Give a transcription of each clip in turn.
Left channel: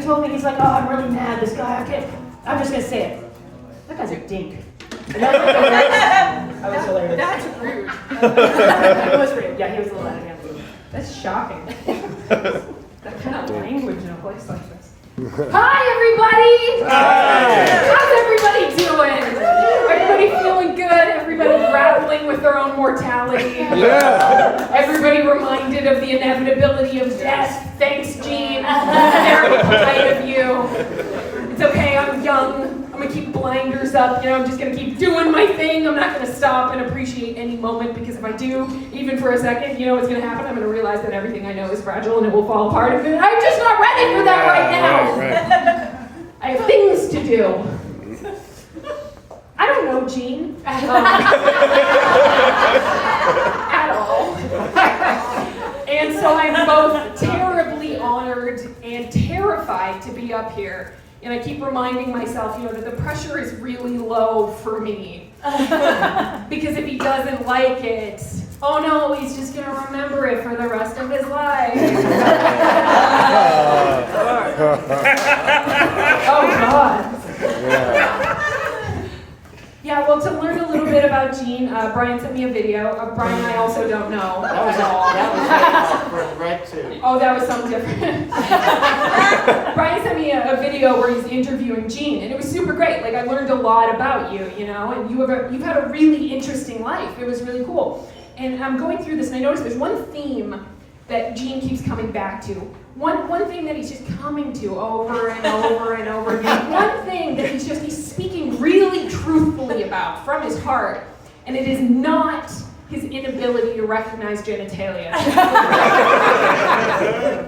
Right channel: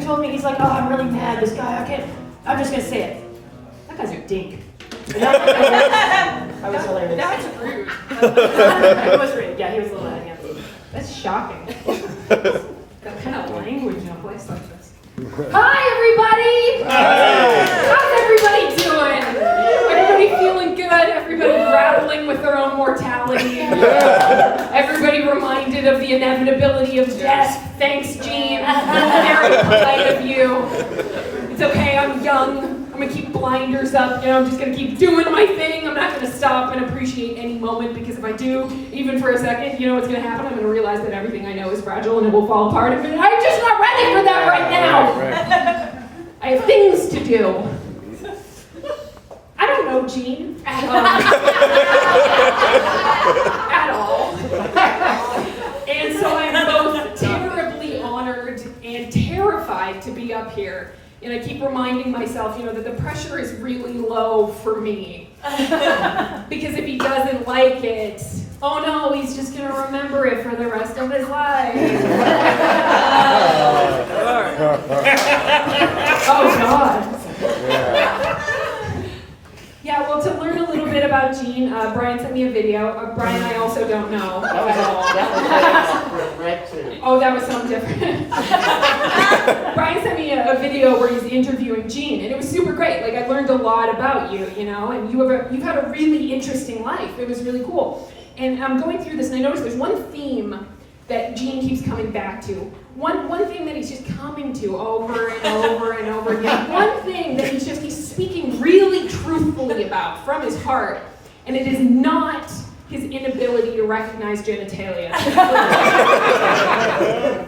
he told me, he's like, oh, I'm really mad, this guy, I'm just gonna say it. That guy's a dink. I was hilarious. That's rude. It was rude, yeah, he was a little out of hand. That's shocking. That kind of language in a place like this. Hi, everybody! Hi. How's everybody doing? Everybody feeling good? Everybody grappling with their own mortality? Everybody reminded of the inevitability of death? Thanks, Jean. Very polite of you. It's okay, I'm young. I'm gonna keep blinders up, I'm just gonna keep doing my thing. I'm not gonna stop and appreciate any moment, because if I do, even for a second, what's gonna happen? I'm gonna realize that everything I know is fragile and it will fall apart. I'm just not ready for that right now. I have things to do. I don't know Jean at all. And so I'm both terribly honored and terrified to be up here. And I keep reminding myself, that the pressure is really low for me. Because if he doesn't like it, oh no, he's just going to remember it for the rest of his life. Oh God. Yeah, well, to learn a little bit about Jean, Brian sent me a video. Brian, I also don't know at all. Oh, that was something different. Brian sent me a video where he's interviewing Jean, and it was super great. Like, I learned a lot about you, and you've had a really interesting life. It was really cool. And I'm going through this, and I noticed there's one theme that Jean keeps coming back to. One thing that he's just coming to over and over and over again. One thing that he's speaking really truthfully about from his heart, and it is not his inability to recognize genitalia.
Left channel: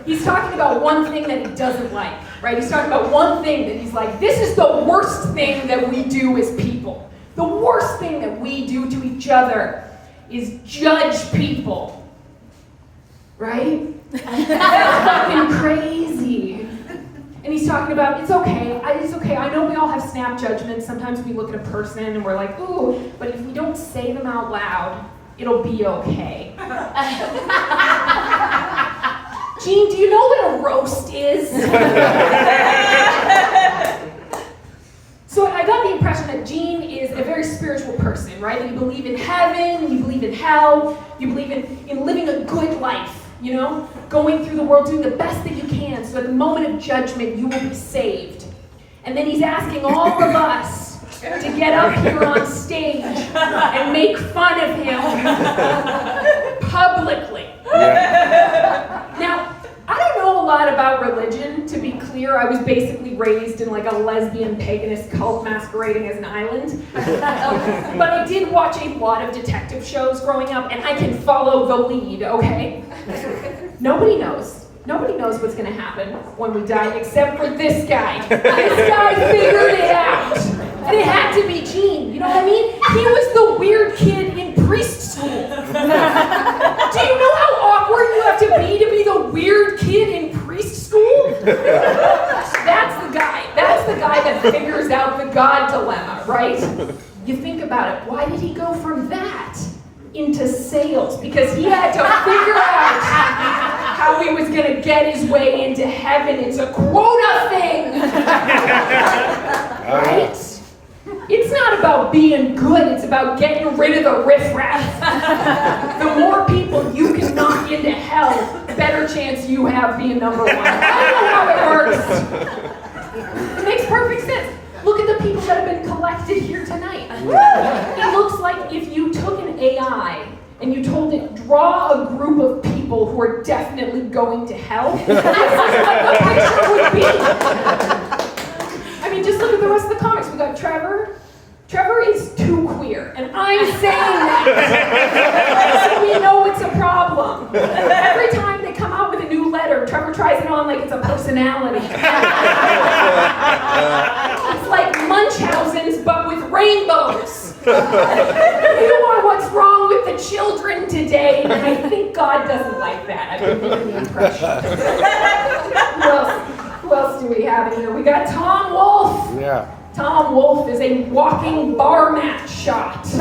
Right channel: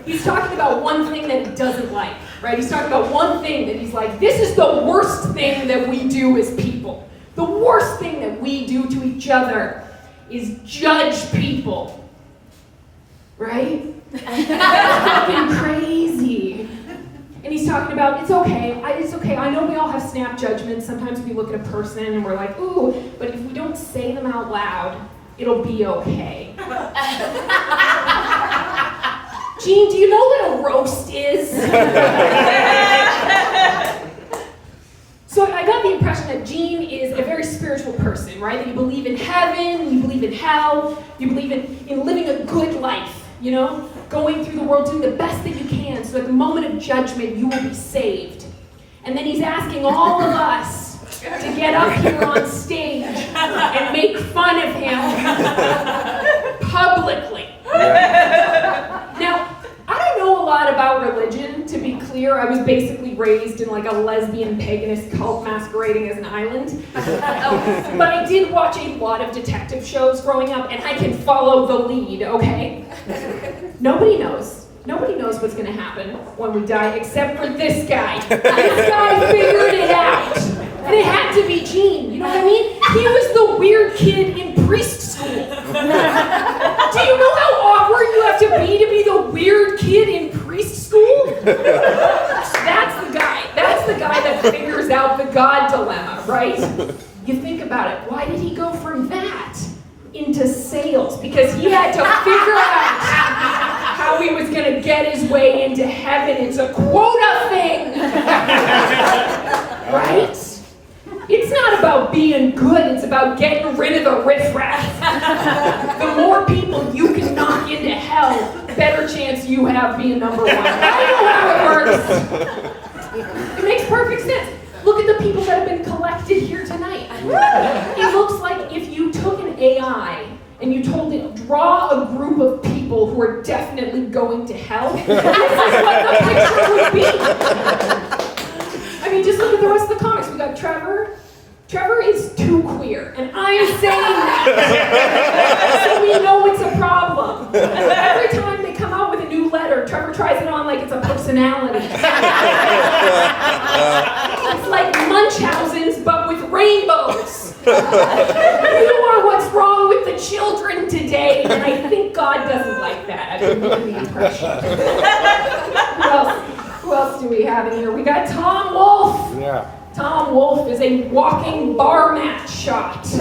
He's talking about one thing that he doesn't like, right? He's talking about one thing that he's like, this is the worst thing that we do as people. The worst thing that we do to each other is judge people. Right? That's fucking crazy. And he's talking about, it's okay, I know we all have snap judgments. Sometimes we look at a person and we're like, ooh, but if we don't say them out loud, it'll be okay. Jean, do you know what a roast is? So I got the impression that Jean is a very spiritual person, right? That you believe in heaven, you believe in hell, you believe in living a good life. Going through the world, doing the best that you can, so at the moment of judgment, you will be saved. And then he's asking all of us to get up here on stage and make fun of him publicly. Now, I don't know a lot about religion, to be clear. I was basically raised in like a lesbian paganist cult masquerading as an island. But I did watch a lot of detective shows growing up, and I can follow the lead, okay? Nobody knows what's gonna happen when we die, except for this guy. This guy figured it out. And it had to be Jean, you know what I mean? He was the weird kid in priest school. Do you know how awkward you have to be the weird kid in priest school? That's the guy that figures out the God dilemma, right? You think about it, why did he go from that into sales? Because he had to figure out how he was going to get his way into heaven. It's a quota thing. Right? It's not about being good, it's about getting rid of the riffraff. The more people you can knock into hell, the better chance you have being number one. I don't know how it works. It makes perfect sense. Look at the people that have been collected here tonight. It looks like if you took an AI and you told it, draw a group of people who are definitely going to hell, this is what the picture would be. I mean, just look at the rest of the comics. We got Trevor. Trevor is too queer, and I'm saying that. So we know it's a problem. Every time they come out with a new letter, Trevor tries it on like it's a personality. It's like Munchausen's, but with rainbows. You are what's wrong with the children today, and I think God doesn't like that. I've been getting the impression. Who else do we have in here? We got Tom Wolfe. Yeah. Tom Wolfe is a walking bar mat shot. Both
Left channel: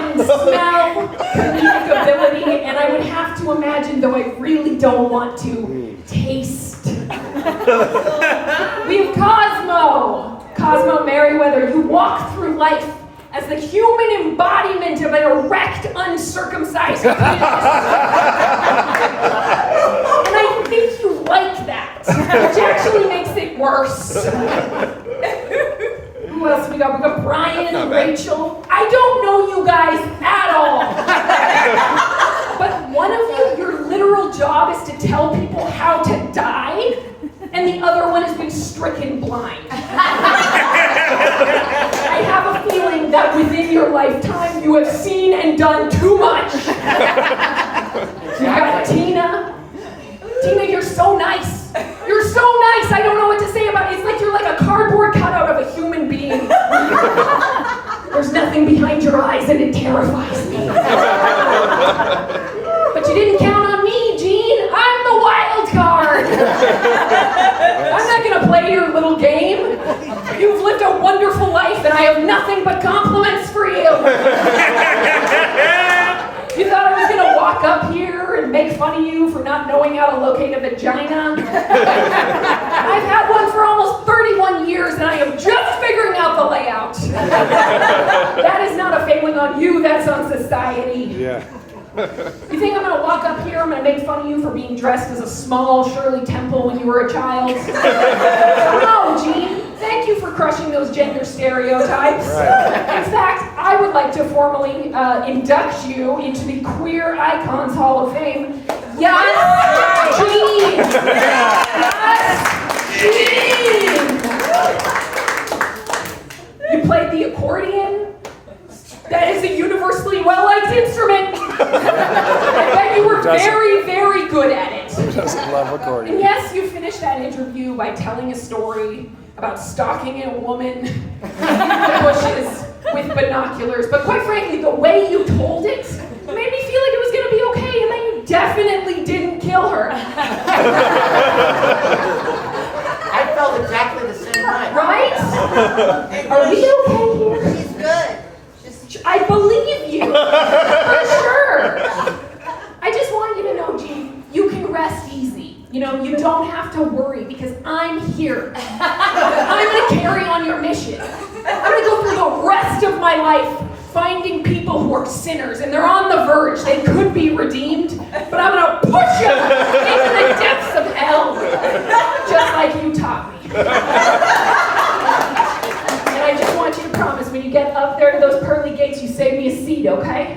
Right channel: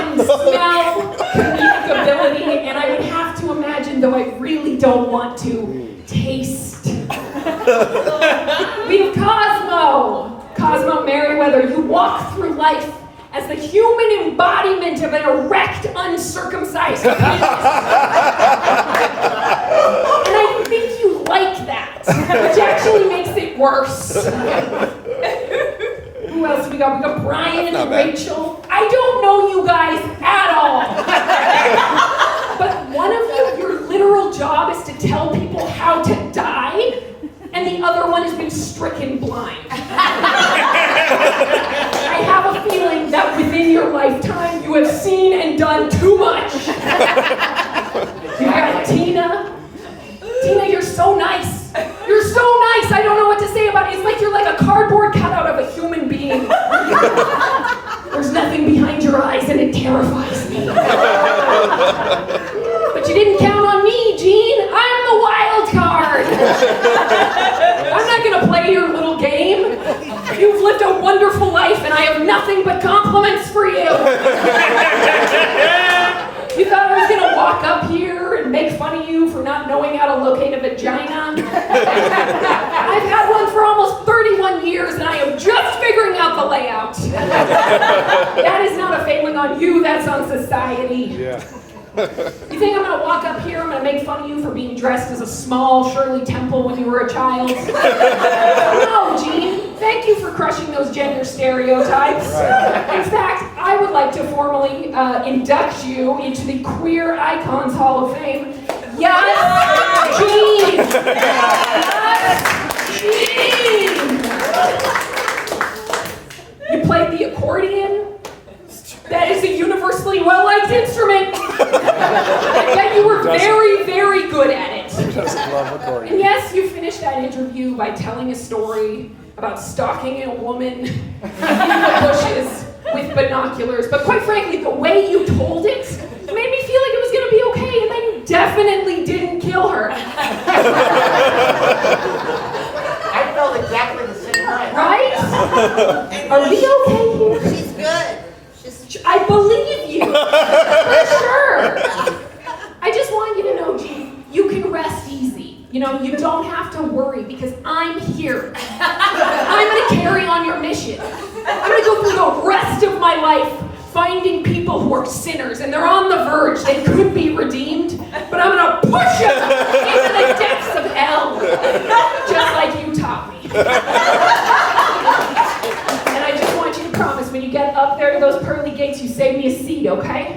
in smell, comedic ability, and I would have to imagine though I really don't want to. Taste. We have Cosmo. Cosmo Merriweather, you walk through life as the human embodiment of an erect, uncircumcised penis. And I think you like that, which actually makes it worse. Who else we got? We got Brian and Rachel. I don't know you guys at all. But one of you, your literal job is to tell people how to die, and the other one is being stricken blind. I have a feeling that within your lifetime you have seen and done too much. You got Tina. Tina, you're so nice. You're so nice. I don't know what to say about it. It's like you're like a cardboard cutout of a human being. There's nothing behind your eyes and it terrifies me. But you didn't count on me, Jean. I'm the wild card. I'm not gonna play your little game. You've lived a wonderful life and I have nothing but compliments for you. You thought I was gonna walk up here and make fun of you for not knowing how to locate a vagina? I've had one for almost 31 years and I am just figuring out the layout. That is not a failing on you, that's on society. Yeah. You think I'm gonna walk up here, I'm gonna make fun of you for being dressed as a small Shirley Temple when you were a child? No, Jean. Thank you for crushing those gender stereotypes. In fact, I would like to formally induct you into the Queer Icons Hall of Fame. Yes, Jean! Yes, Jean! You played the accordion? That is a universally well-liked instrument. I bet you were very, very good at it. Doesn't love accordion. And yes, you finished that interview by telling a story about stalking a woman in the bushes with binoculars. But quite frankly, the way you told it made me feel like it was going to be okay, and then you definitely didn't kill her. I felt exactly the same way. Right? Are we okay here? She's good. I believe you, for sure. I just want you to know, Jean, you can rest easy. You know, you don't have to worry because I'm here. I'm gonna carry on your mission. I'm gonna go through the rest of my life finding people who are sinners and they're on the verge. They could be redeemed, but I'm gonna push them into the depths of hell, just like you taught me. And I just want you to promise when you get up there to those pearly gates, you save me a seat, okay?